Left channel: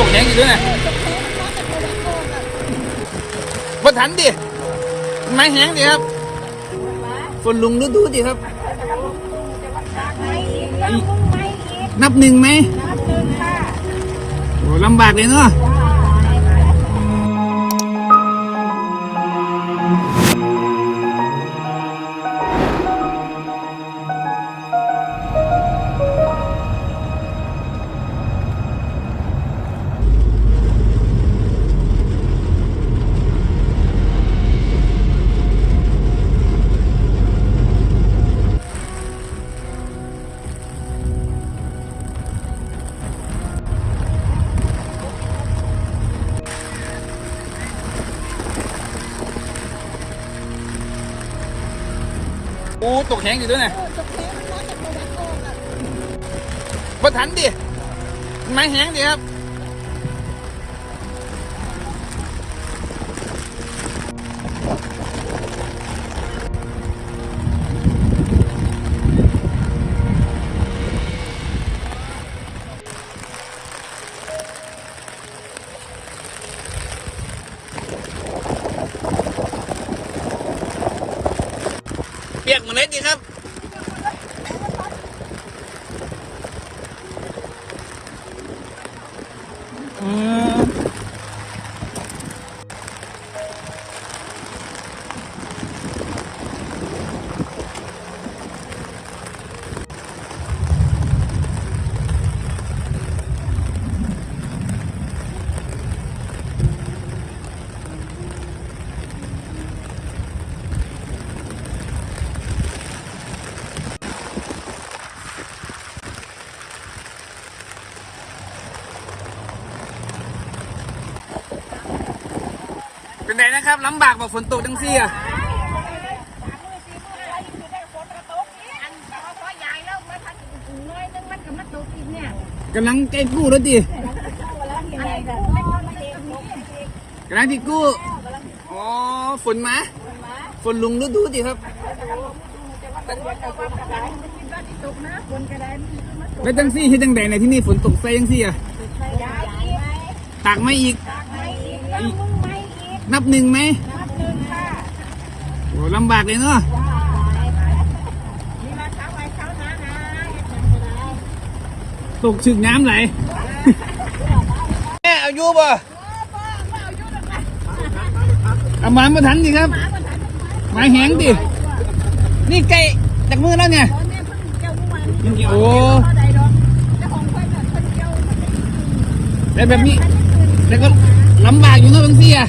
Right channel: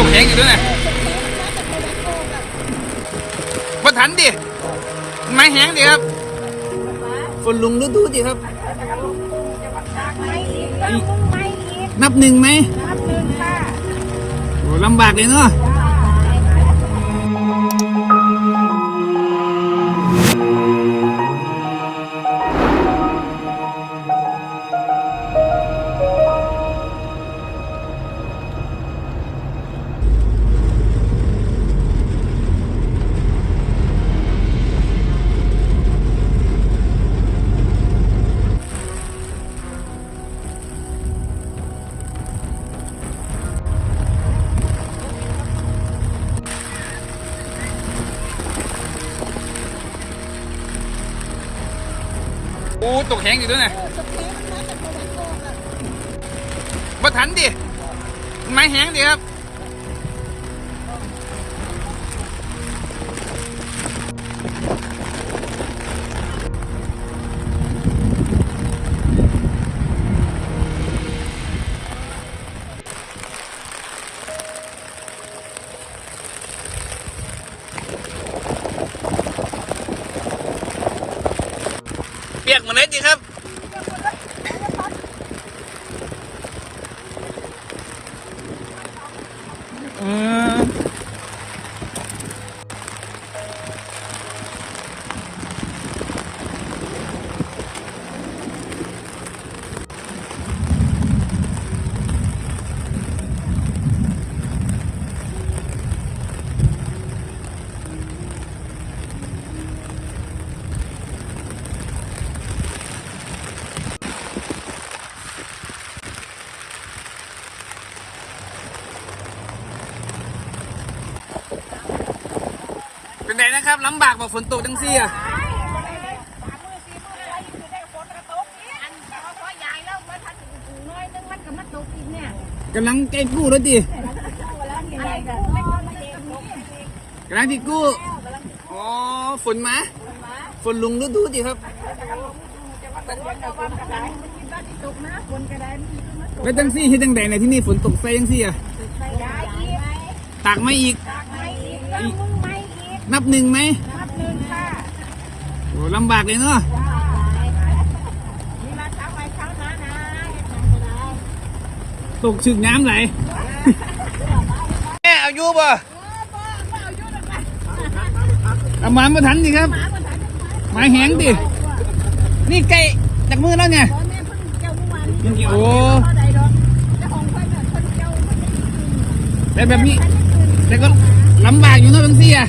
ตกแข็งอยู่ด้วยนะบ่ทันดิไม้แห้งดิครับ คนลุงดูดูดิครับ นับหนึ่งไหมโอ้ลำบากเลยเนาะ อ้ตกแข็งอยู่ด้วยนะบ่ทันดิไม้แห้งดิครับ ปียกหมาเลยจริงครับ เป็นไงนะครับลำบากบอกฝนตกจังซี่อะกำลังใกล้กู้แล้วดิกำลังที่กู้อ๋อฝนมาฝนลุงดูดูดิครับแล้วจังซี่ที่จังใดในที่นี่ฝนตกใส่จังซี่อะตากไม่อีก นับหนึ่งไหมโอ้ลำบากเลยเนาะตกชึกน้ำไหลแม่อายุบ่เอามามาทันดิครับหมายแหงดิ นี่ไก่จากมือแล้วเนี่ยโอ้แต่แบบนี้ แต่ก็ลำบากอยู่นะบางทีอะ